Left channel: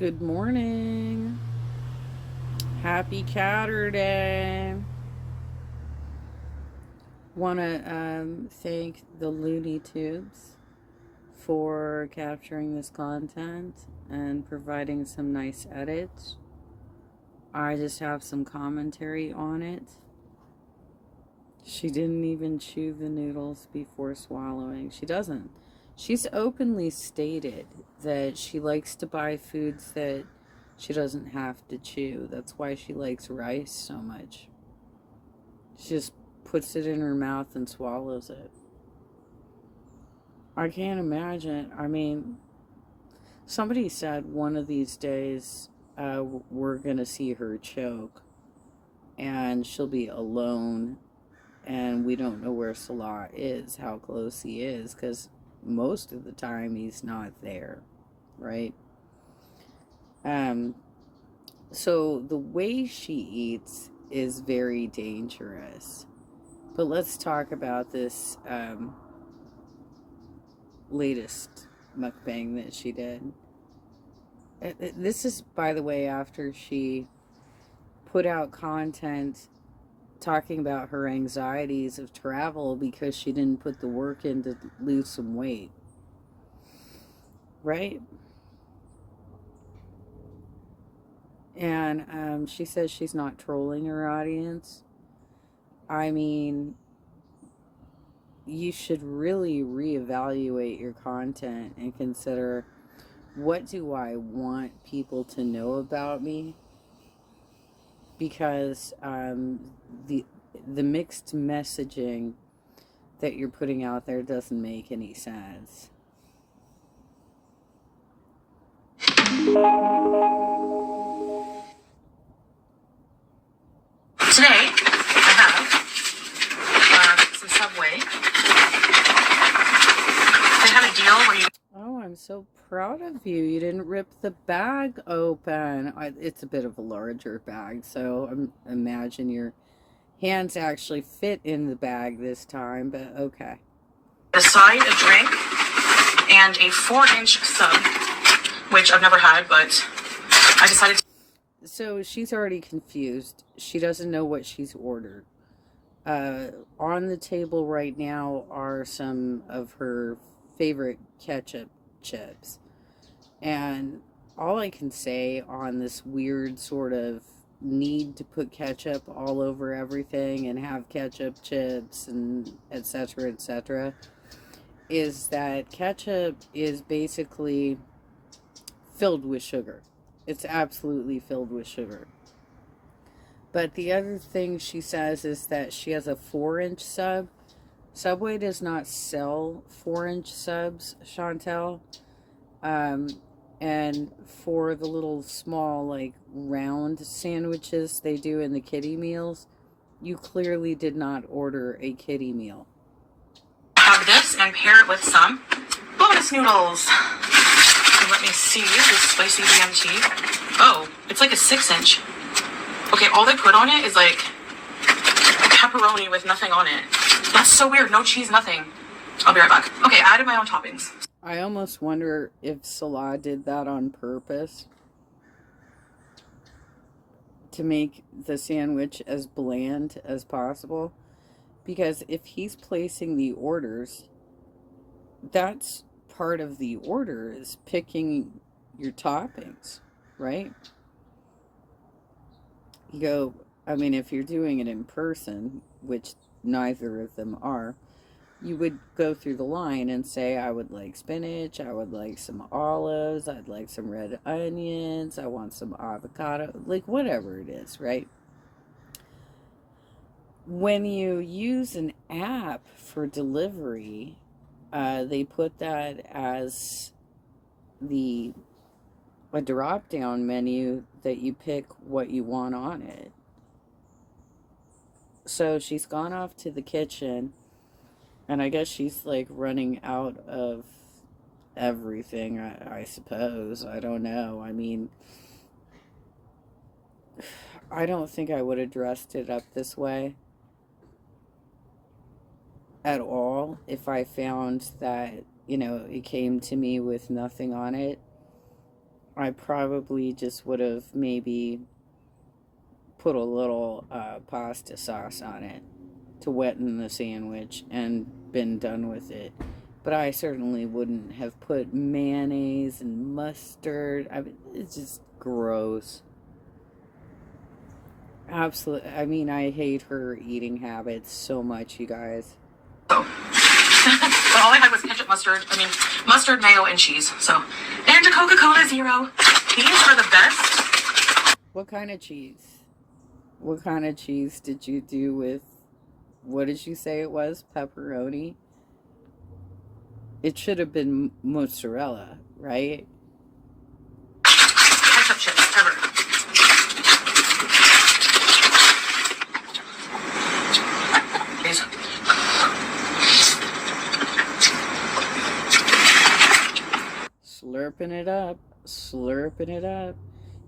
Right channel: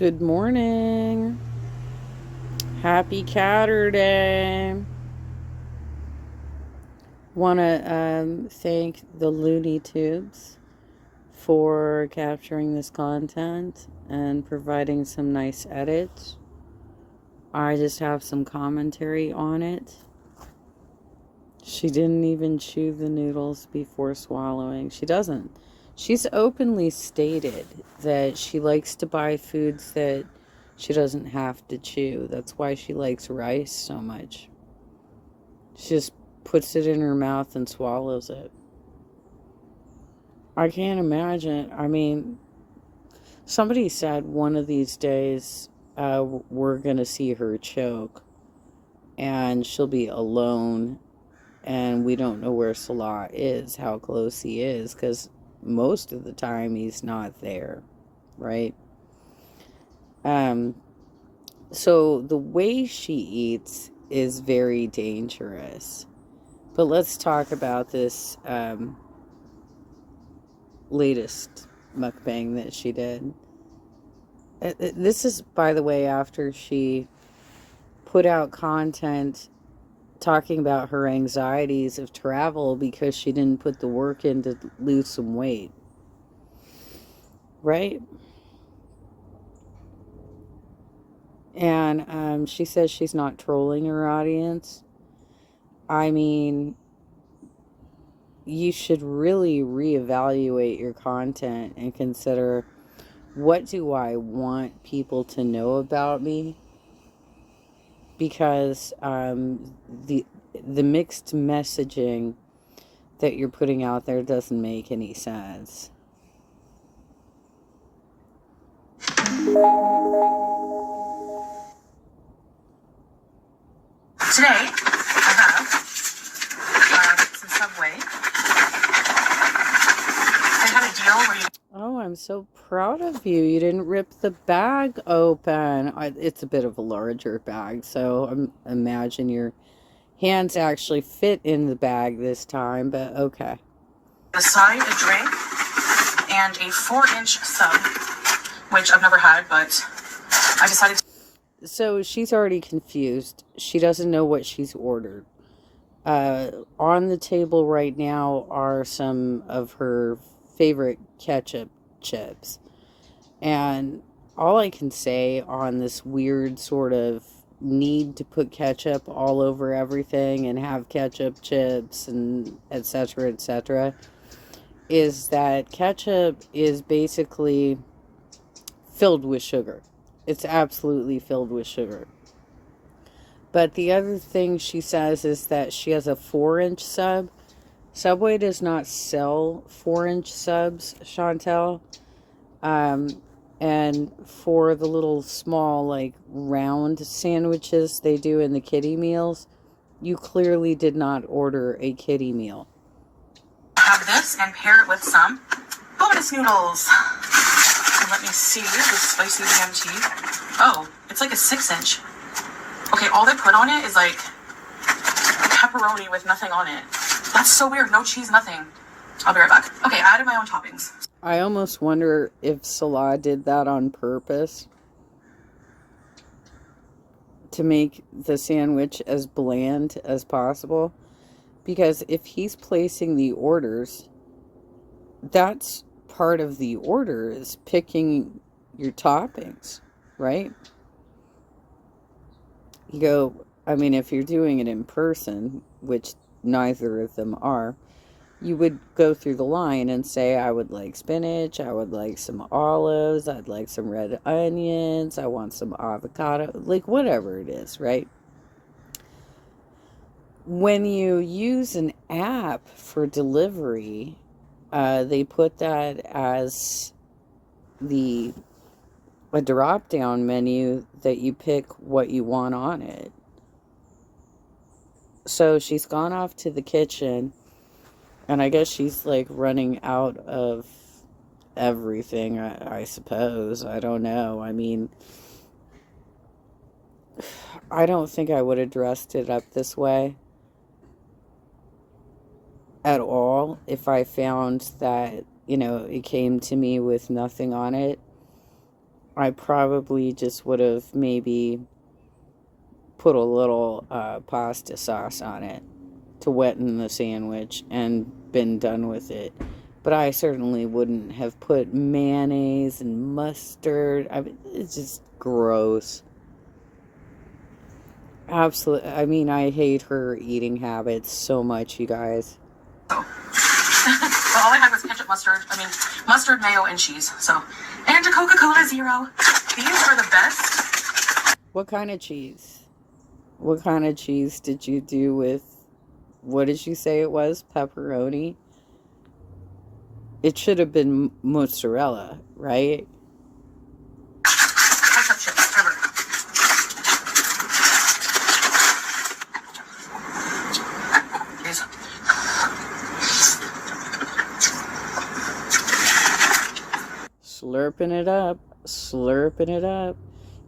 Good morning. Happy Catterday. Want to thank the Looney Tubes for capturing this content and providing some nice edits. I just have some commentary on it. She didn't even chew the noodles before swallowing. She doesn't. She's openly stated that she likes to buy foods that she doesn't have to chew. That's why she likes rice so much. She just puts it in her mouth and swallows it. I can't imagine. I mean, somebody said one of these days we're going to see her choke and she'll be alone, and we don't know where Salah is, how close he is, because most of the time he's not there, right? So the way she eats is very dangerous. But let's talk about this latest mukbang that she did. This is, by the way, after she put out content talking about her anxieties of travel because she didn't put the work in to lose some weight. Right? And she says she's not trolling her audience. I mean, you should really reevaluate your content and consider, what do I want people to know about me? Because the mixed messaging that you're putting out there doesn't make any sense. Today, I have some Subway. They had a deal where you... Oh, I'm so proud of you. You didn't rip the bag open. It's a bit of a larger bag, so I imagine your hands actually fit in the bag this time, but okay. A side, a drink, and a 4-inch sub, which I've never had, but I decided to... So she's already confused. She doesn't know what she's ordered. On the table right now are some of her favorite ketchup chips. And all I can say on this weird sort of need to put ketchup all over everything and have ketchup chips and etc., is that ketchup is basically filled with sugar. It's absolutely filled with sugar. But the other thing she says is that she has a 4-inch sub. Subway does not sell 4-inch subs, Chantel. And for the little small, like, round sandwiches they do in the kiddie meals, you clearly did not order a kiddie meal. Have this and pair it with some bonus noodles. So let me see this spicy BMT. Oh, it's like a 6-inch. Okay, all they put on it is like pepperoni with nothing on it. That's so weird. No cheese, nothing. I'll be right back. Okay, I added my own toppings. I almost wonder if Salah did that on purpose to make the sandwich as bland as possible. Because if he's placing the orders, that's part of the order, is picking your toppings, right? You go, I mean, if you're doing it in person, which neither of them are, you would go through the line and say, I would like spinach, I would like some olives, I'd like some red onions, I want some avocado, like whatever it is, right? When you use an app for delivery, they put that as a drop-down menu that you pick what you want on it. So she's gone off to the kitchen, and I guess she's like running out of everything, I suppose. I don't know. I mean, I don't think I would have dressed it up this way at all if I found that, it came to me with nothing on it. I probably just would have maybe put a little pasta sauce on it to wetten the sandwich and been done with it. But I certainly wouldn't have put mayonnaise and mustard. I mean, it's just gross. Absolutely. I mean, I hate her eating habits so much, you guys. So, but all I had was ketchup, mustard, mayo, and cheese. So, and a Coca-Cola Zero. These are the best. What kind of cheese? What kind of cheese did you do with, what did you say it was? Pepperoni? It should have been mozzarella, right? Ketchup chips, ever. These. Slurping it up, slurping it up.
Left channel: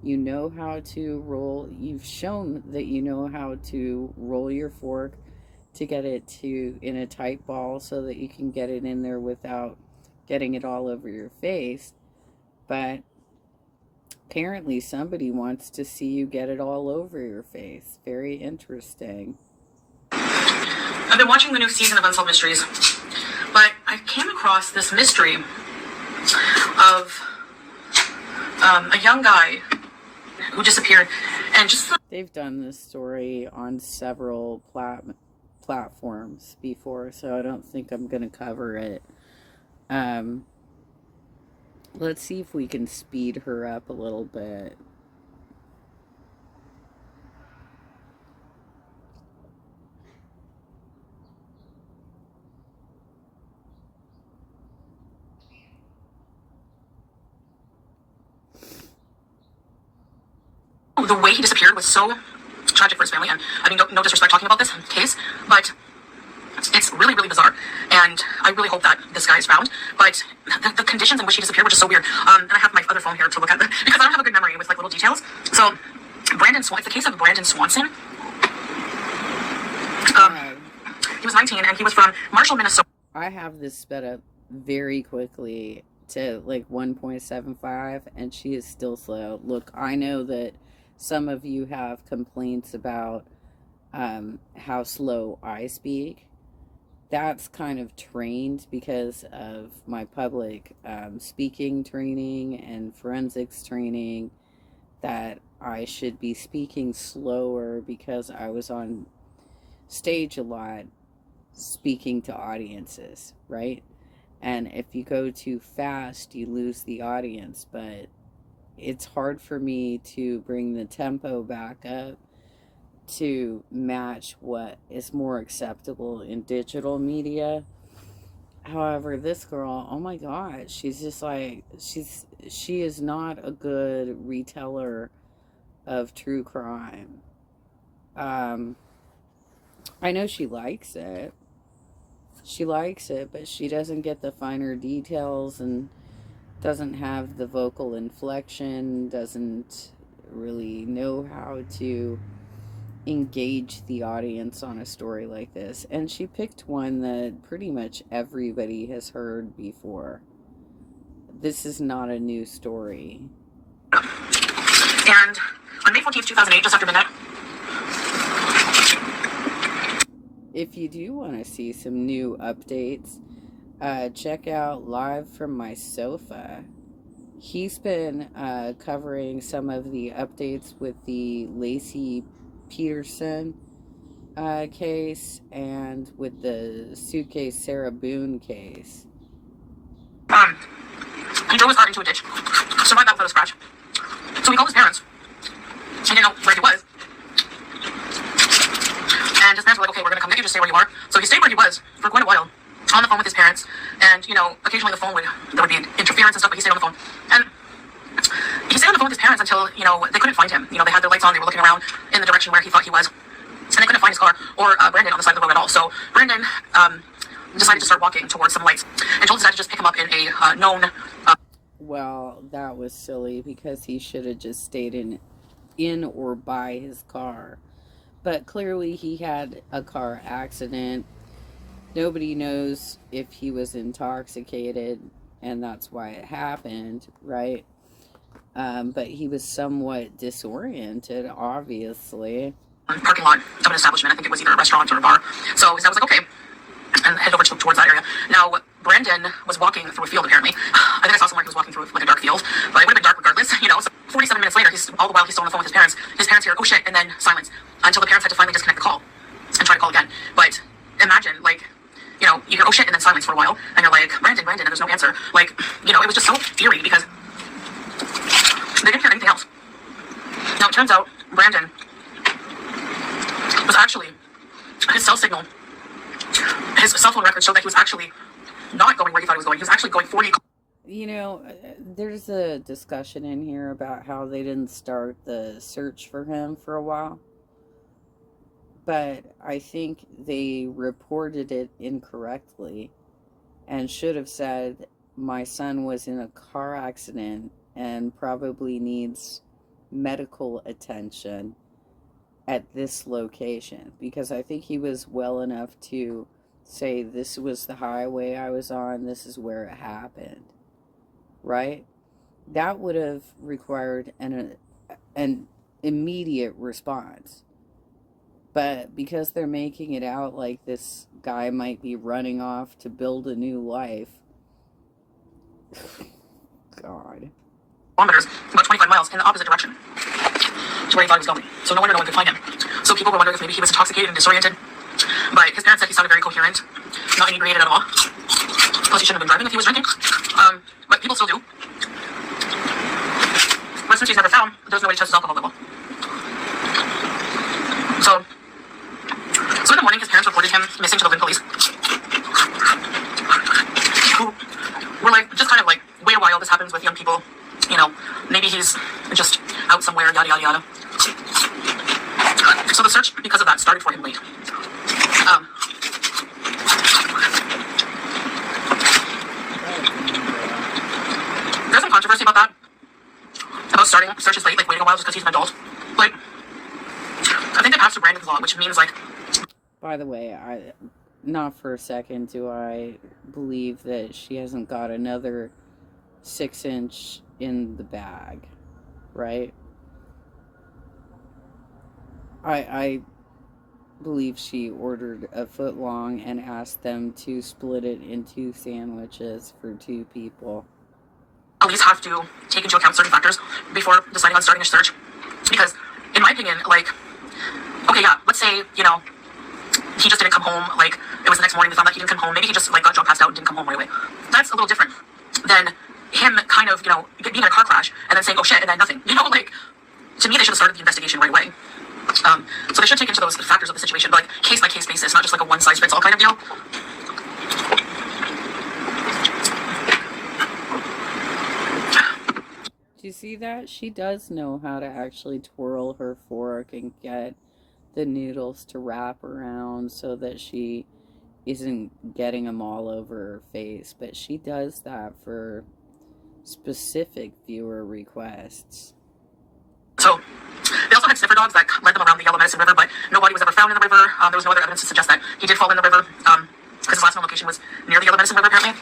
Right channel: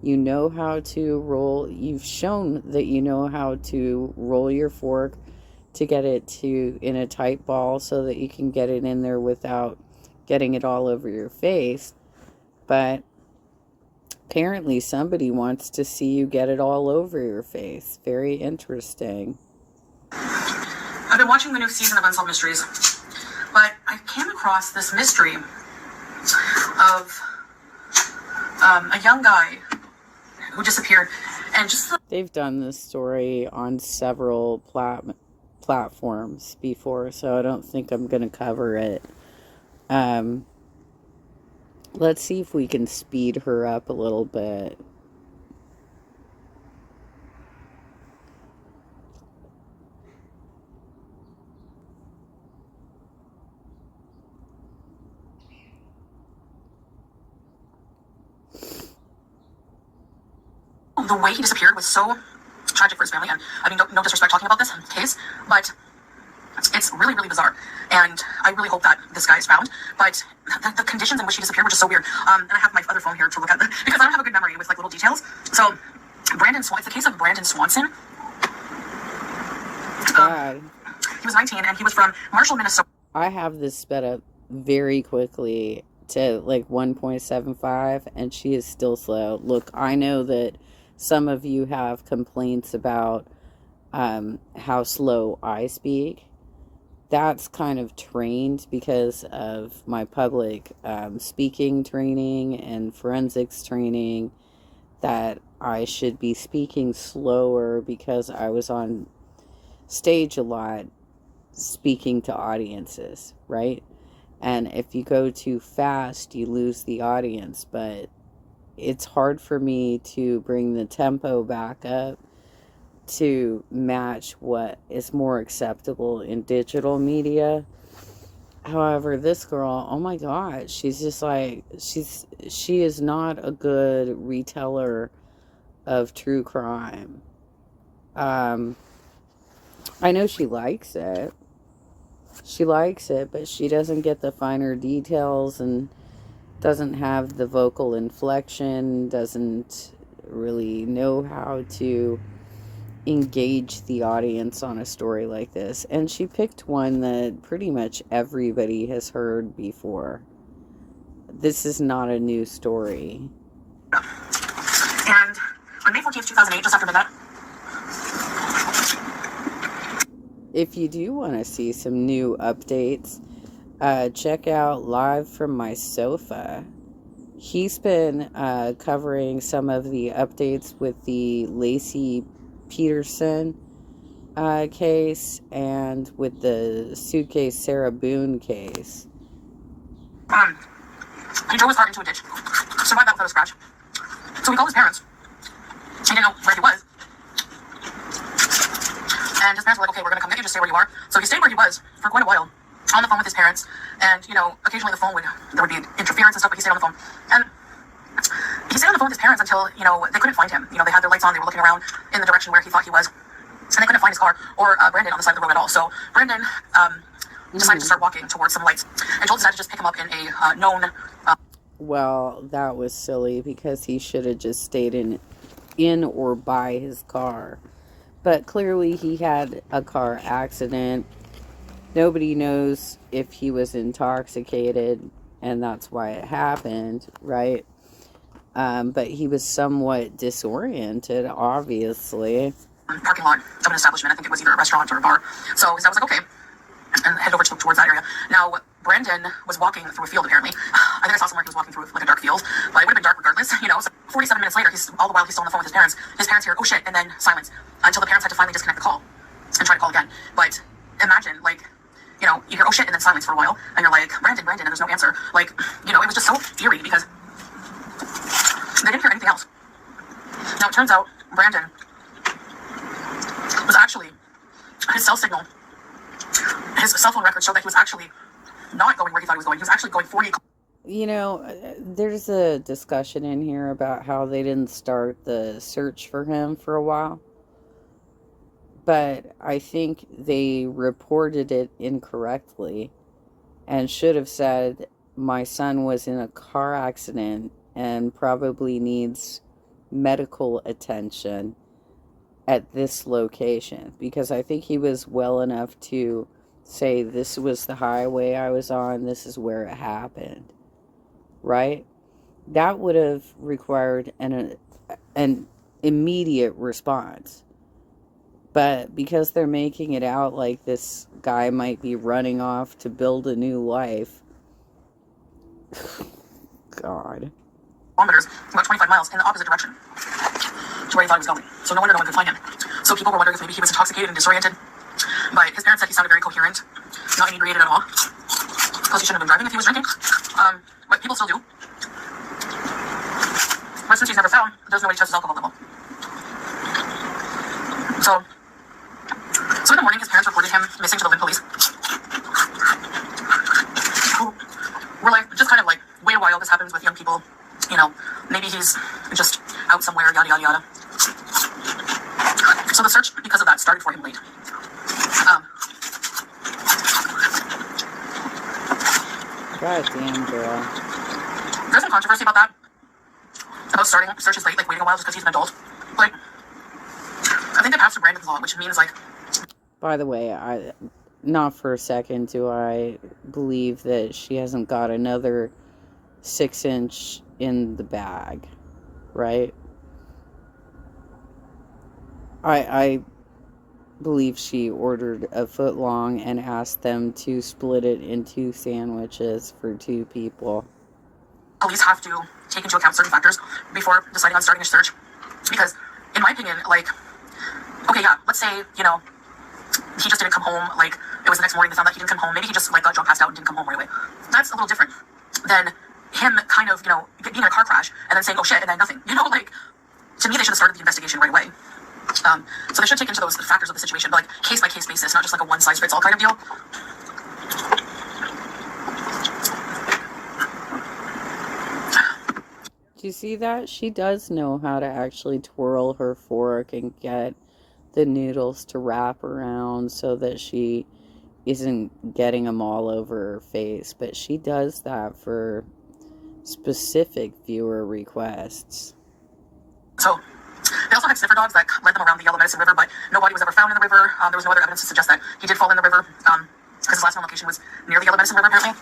You know how to roll. You've shown that you know how to roll your fork to get it to in a tight ball so that you can get it in there without getting it all over your face. But apparently somebody wants to see you get it all over your face. Very interesting. I've been watching the new season of Unsolved Mysteries, but I came across this mystery of a young guy who disappeared, and just they've done this story on several platforms before, so I don't think I'm going to cover it. Let's see if we can speed her up a little bit. the way he disappeared was so tragic for his family, and I mean, no disrespect talking about this case, but it's really, really bizarre, and I really hope that this guy is found, but the conditions in which he disappeared were just so weird, and I have my other phone here to look at, because I don't have a good memory with, like, little details. So, it's the case of Brandon Swanson. He was 19, and he was from Marshall, Minnesota. I have this sped up very quickly to, like, 1.75, and she is still slow. Look, I know that some of you have complaints about how slow I speak. That's kind of trained because of my public speaking training and forensics training, that I should be speaking slower because I was on stage a lot speaking to audiences, right? And if you go too fast, you lose the audience. But it's hard for me to bring the tempo back up to match what is more acceptable in digital media. However, this girl, oh my God, she's just like, she is not a good reteller of true crime. I know she likes it. She likes it, but she doesn't get the finer details and doesn't have the vocal inflection, doesn't really know how to engage the audience on a story like this. And she picked one that pretty much everybody has heard before. This is not a new story. And on May 14th, 2008, just after midnight. If you do want to see some new updates, check out Live from My Sofa. He's been covering some of the updates with the Lacey Peterson case and with the suitcase Sarah Boone case. He drove his car into a ditch, survived that without a scratch. So he called his parents. He didn't know where he was. And his parents were like, okay, we're going to come get you, just stay where you are. So he stayed where he was for quite a while, on the phone with his parents. And, you know, occasionally there would be interference and stuff, but he stayed on the phone. And he stayed on the phone with his parents until, you know, they couldn't find him. You know, they had their lights on, they were looking around in the direction where he thought he was. And they couldn't find his car or Brandon on the side of the road at all. So Brandon decided to start walking towards some lights and told his dad to just pick him up in a known... Well, that was silly because he should have just stayed in or by his car. But clearly he had a car accident. Nobody knows if he was intoxicated, and that's why it happened, right? But he was somewhat disoriented, obviously. Parking lot of an establishment. I think it was either a restaurant or a bar. So his dad was like, okay, and head over towards that area. Now, Brandon was walking through a field, apparently. I think I saw somewhere he was walking through like a dark field, but it would have been dark regardless, you know. So 47 minutes later, all the while he's still on the phone with his parents. His parents hear, oh shit, and then silence until the parents had to finally disconnect the call and try to call again. But imagine, like, you know, you hear oh shit and then silence for a while, and you're like, Brandon, and there's no answer. Like, you know, it was just so eerie because they didn't hear anything else. Now, it turns out Brandon was actually, his cell signal, his cell phone records showed that he was actually not going where he thought he was going. He was actually going 40. You know, there's a discussion in here about how they didn't start the search for him for a while. But I think they reported it incorrectly and should have said, my son was in a car accident and probably needs medical attention at this location. Because I think he was well enough to say, this was the highway I was on, this is where it happened. Right? That would have required an immediate response. But because they're making it out like this guy might be running off to build a new life. God. Kilometers, about 25 miles in the opposite direction to where he thought he was going. So no wonder no one could find him. So people were wondering if maybe he was intoxicated and disoriented. But his parents said he sounded very coherent, not inebriated at all. Plus he shouldn't have been driving if he was drinking. But people still do. But since he's never found, there's no way to test his alcohol level. So in the morning, his parents reported him missing to the Lynn police, who were like, just kind of like, wait a while, this happens with young people, you know, maybe he's just out somewhere, yada, yada, yada. So the search, because of that, started for him late. God damn, girl. There's some controversy about that, about starting searches late, like waiting a while just because he's an adult. Like, I think they passed the Brandon's law, which means like, by the way, not for a second do I believe that she hasn't got another 6-inch in the bag, right? I believe she ordered a foot long and asked them to split it into sandwiches for 2 people. At least have to take into account certain factors before deciding on starting a search. Because, in my opinion, like, okay, yeah, let's say, you know, he just didn't come home, like, it was the next morning, they found that he didn't come home, maybe he just, like, got drunk, passed out, and didn't come home right away. That's a little different than him kind of, you know, being in a car crash, and then saying, oh shit, and then nothing. You know, like, to me, they should have started the investigation right away. So they should take into those factors of the situation, but, like, case-by-case basis, not just, like, a one-size-fits-all kind of deal. Do you see that? She does know how to actually twirl her fork and get the noodles to wrap around so that she isn't getting them all over her face. But she does that for specific viewer requests. So, they also had sniffer dogs that led them around the Yellow Medicine River, but no body was ever found in the river. There was no other evidence to suggest that he did fall in the river, because his last known location was near the Yellow Medicine River, apparently.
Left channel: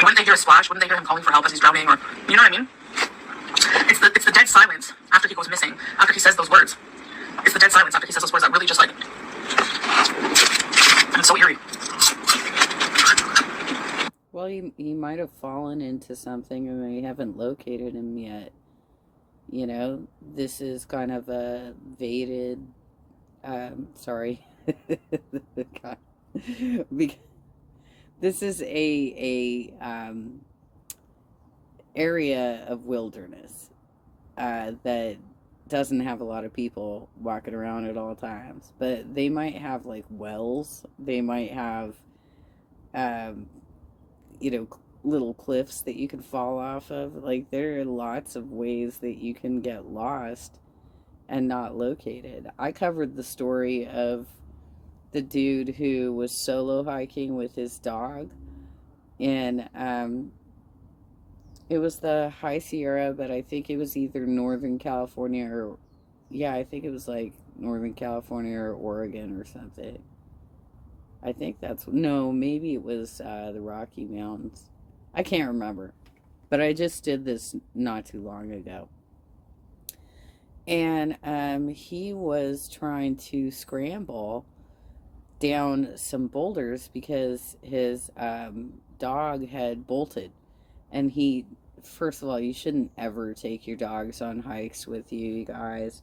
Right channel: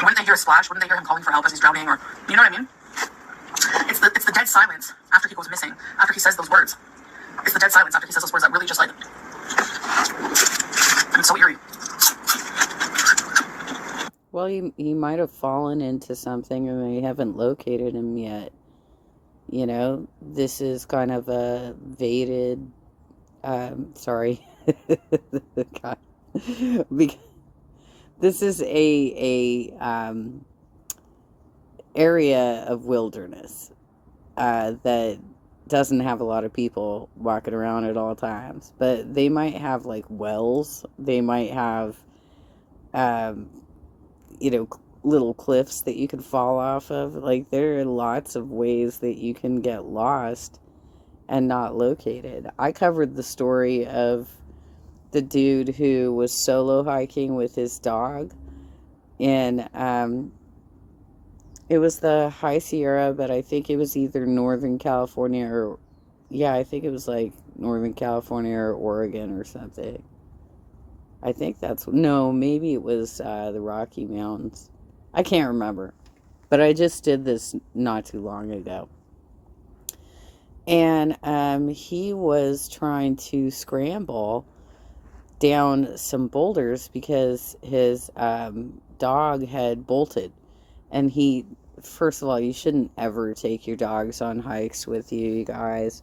Wouldn't they hear a splash? Wouldn't they hear him calling for help as he's drowning? Or, you know what I mean? It's the dead silence after he goes missing, after he says those words. It's the dead silence after he says those words that really just, like, and it's so eerie. Well, he might have fallen into something and they haven't located him yet. You know, this is kind of a vated, sorry. God. This is a area of wilderness that doesn't have a lot of people walking around at all times. But they might have, like, wells. They might have, you know, little cliffs that you can fall off of. Like, there are lots of ways that you can get lost and not located. I covered the story of the dude who was solo hiking with his dog, and it was the High Sierra, but I think it was either Northern California or, yeah, I think it was like Northern California or Oregon or something. I think maybe it was the Rocky Mountains. I can't remember. but I just did this not too long ago. And he was trying to scramble down some boulders because his dog had bolted. And he, first of all, you shouldn't ever take your dogs on hikes with you guys.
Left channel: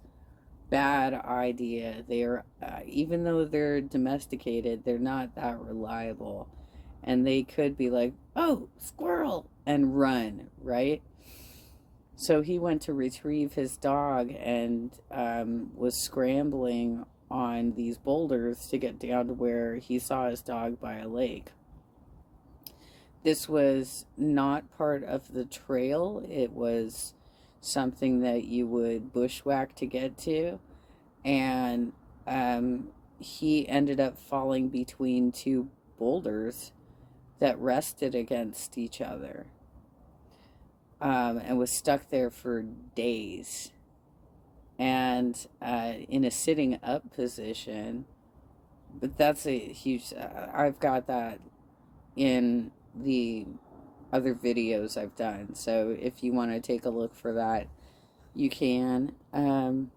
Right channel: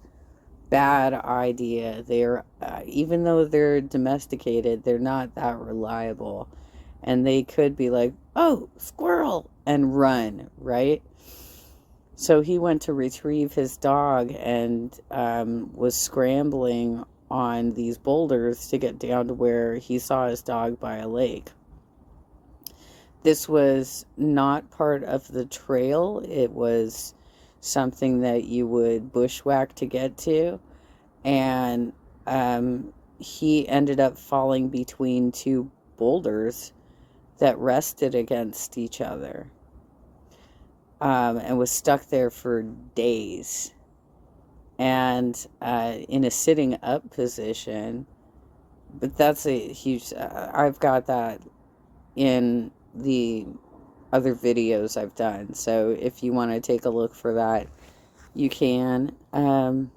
Bad idea. They're, even though they're domesticated, they're not that reliable. And they could be like, oh, squirrel, and run, right? So he went to retrieve his dog and was scrambling on these boulders to get down to where he saw his dog by a lake. This was not part of the trail. It was something that you would bushwhack to get to. And he ended up falling between two boulders that rested against each other. And was stuck there for days. And in a sitting up position. But that's a huge... I've got that in the other videos I've done. So if you want to take a look for that, you can. I'm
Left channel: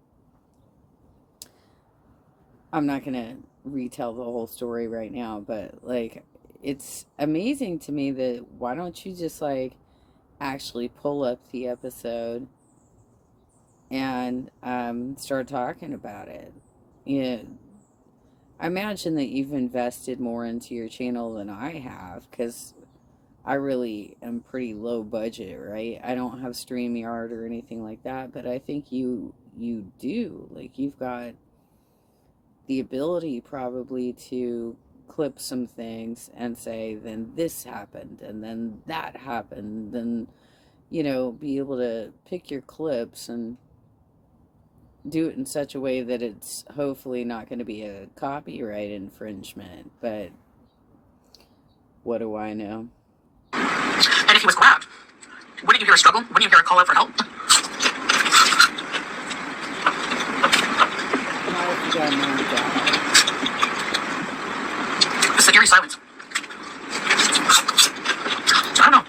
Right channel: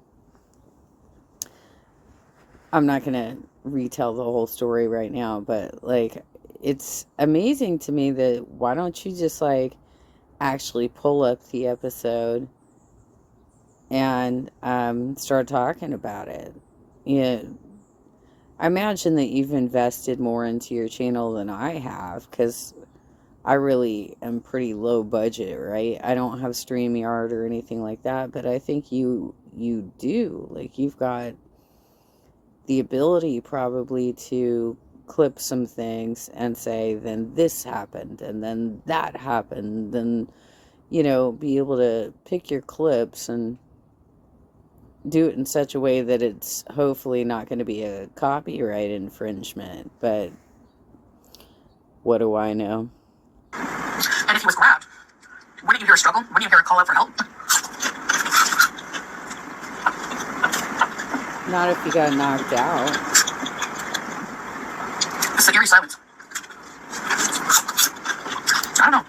not going to retell the whole story right now. But, like, it's amazing to me that why don't you just, like, actually pull up the episode and start talking about it. I imagine that you've invested more into your channel than I have, because I really am pretty low budget, right? I don't have StreamYard or anything like that, but I think you do. Like, you've got the ability probably to clip some things and say, then this happened, and then that happened, and, you know, be able to pick your clips and do it in such a way that it's hopefully not going to be a copyright infringement. But what do I know? And if he was grabbed, wouldn't you hear a struggle? Wouldn't you hear a call out for help? Not if you got knocked out. It's the eerie silence. I don't know.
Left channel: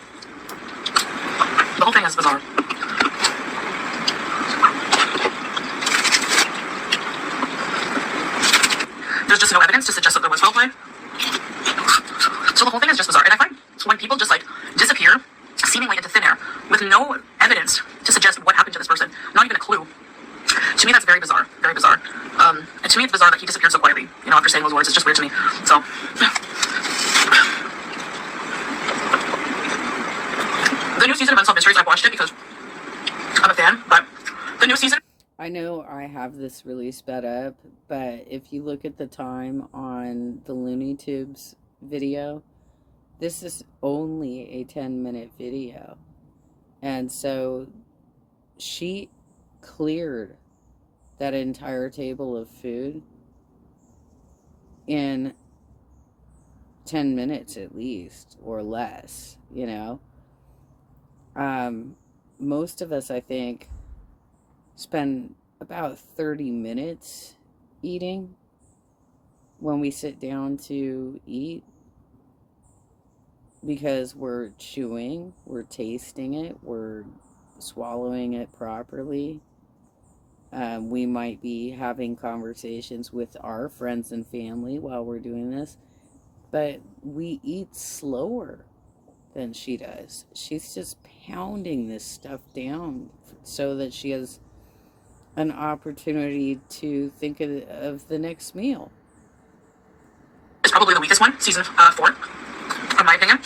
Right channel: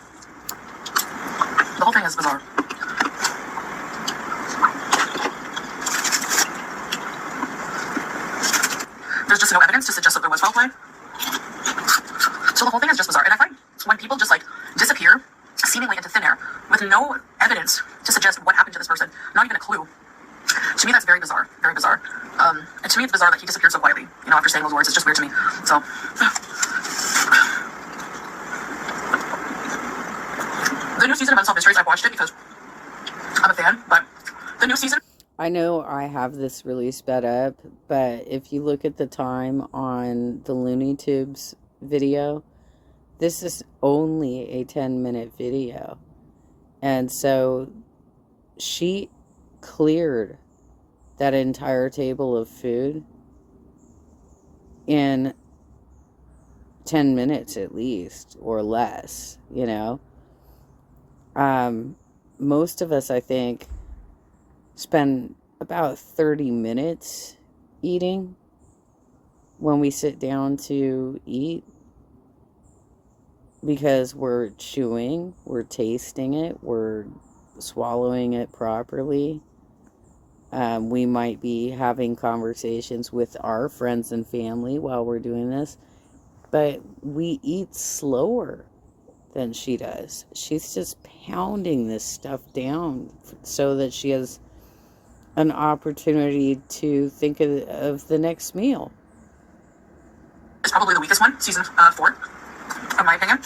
The whole thing is bizarre. There's just no evidence to suggest that there was foul play. So the whole thing is just bizarre. And I find when people just, like, disappear seemingly into thin air with no evidence to suggest what happened to this person, not even a clue, to me that's very bizarre. Very bizarre. And to me it's bizarre that he disappeared so quietly, you know, after saying those words. It's just weird to me. So the new season of Unsolved Mysteries, I've watched it because I'm a fan, but the new season... I know I have this really sped up, but if you look at the time on the Looney Tunes video, this is only a 10-minute video. And so she cleared that entire table of food in 10 minutes at least, or less, you know. Most of us, I think, spend about 30 minutes eating when we sit down to eat, because we're chewing, we're tasting it, we're swallowing it properly. We might be having conversations with our friends and family while we're doing this, but we eat slower than she does. She's just pounding this stuff down so that she has an opportunity to think of the next meal. It's probably the weakest one, season 4, in my opinion.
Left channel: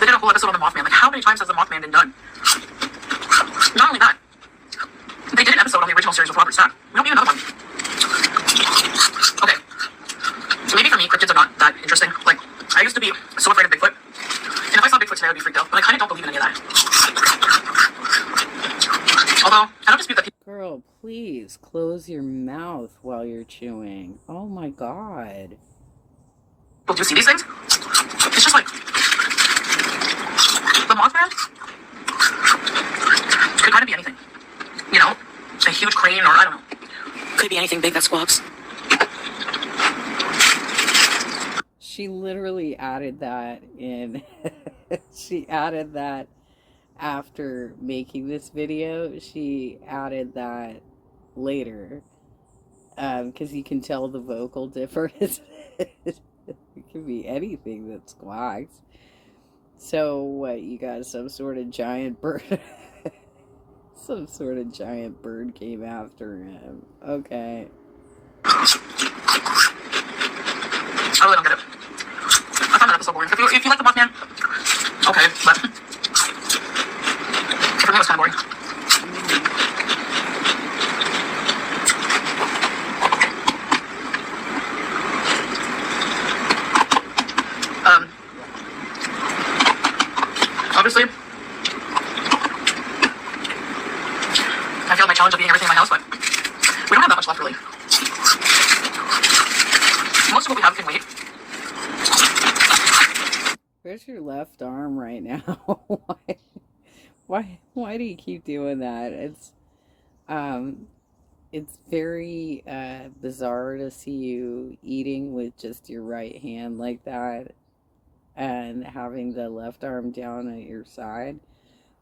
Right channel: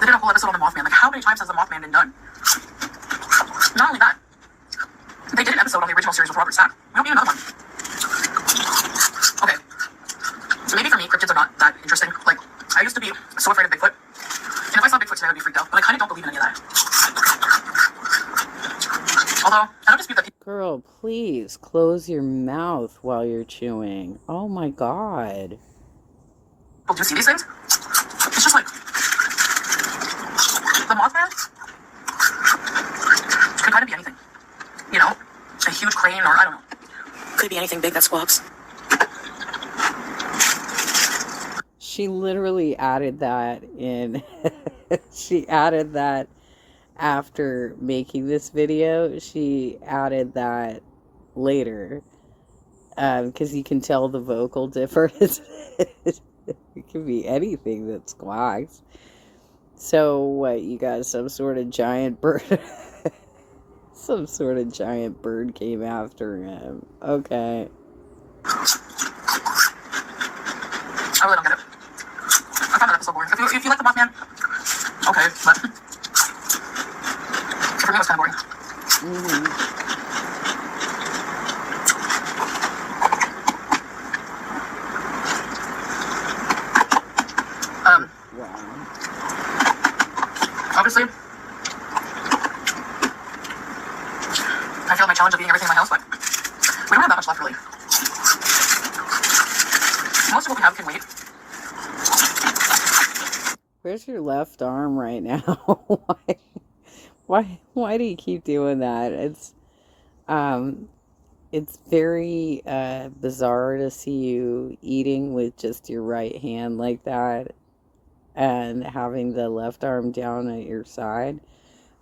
They did a whole episode on the Mothman. Like, how many times has the Mothman been done? Not only that, they did an episode on the original series with Robert Stack. We don't need another one. Okay, so maybe for me, cryptids are not that interesting. Like, I used to be so afraid of Bigfoot, and if I saw Bigfoot today, I would be freaked out. But I kind of don't believe in any of that. Although, I don't dispute that people... Girl, please close your mouth while you're chewing. Oh my god. Do you see these things? It's just like... The Mothman could kind of be anything. You know? A huge crane, or I don't know. Could be anything big that squawks. She she literally added that in. She added that after making this video. She added that later. Because you can tell the vocal difference. It can be anything that squawks. So, what, you got some sort of giant bird? Some sort of giant bird came after him. Okay. I really don't get it. I found that episode boring. If you like the Mothman, okay, but for me it was kind of boring. Obviously, I failed my challenge of eating everything in my house, but we don't have that much left, really. Most of what we have can wait. Where's your left arm right now? Why do you keep doing that? It's very bizarre to see you eating with just your right hand like that and having the left arm down at your side.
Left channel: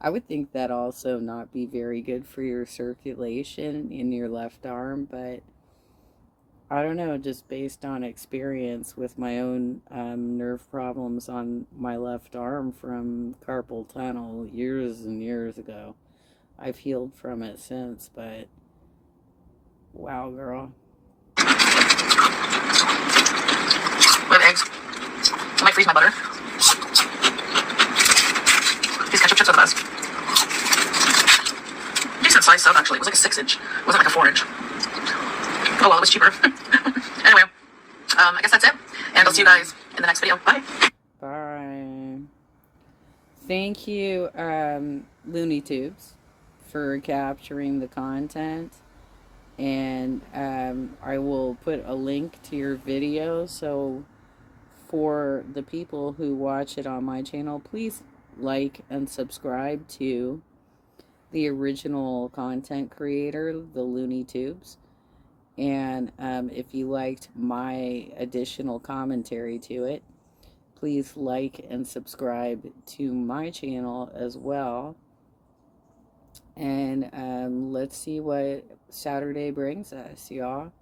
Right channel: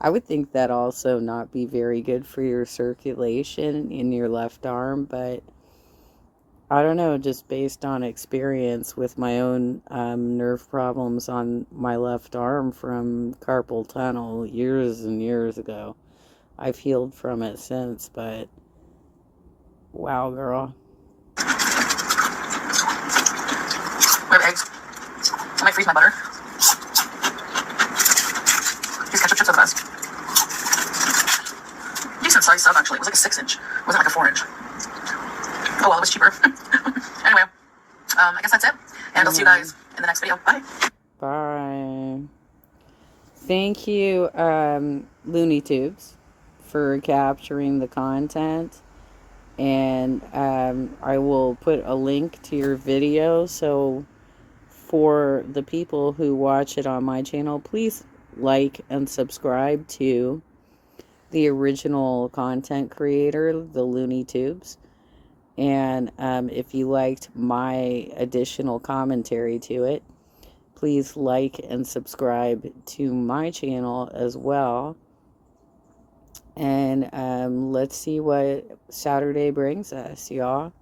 I would think that also not be very good for your circulation in your left arm, but I don't know, just based on experience with my own nerve problems on my left arm from carpal tunnel years and years ago. I've healed from it since, but wow, girl. We have eggs. I might freeze my butter. These ketchup chips are the best. Decent sized stuff, actually. It was like a 6-inch. It wasn't like a 4-inch. Oh well, it was cheaper. Anyway, I guess that's it. And I'll see you guys in the next video. Bye. Bye. Thank you, Looney Tubes, for capturing the content. And I will put a link to your video, so for the people who watch it on my channel, please like and subscribe to the original content creator, the Looney Tubes. And if you liked my additional commentary to it, please like and subscribe to my channel as well. And let's see what Saturday brings us, y'all.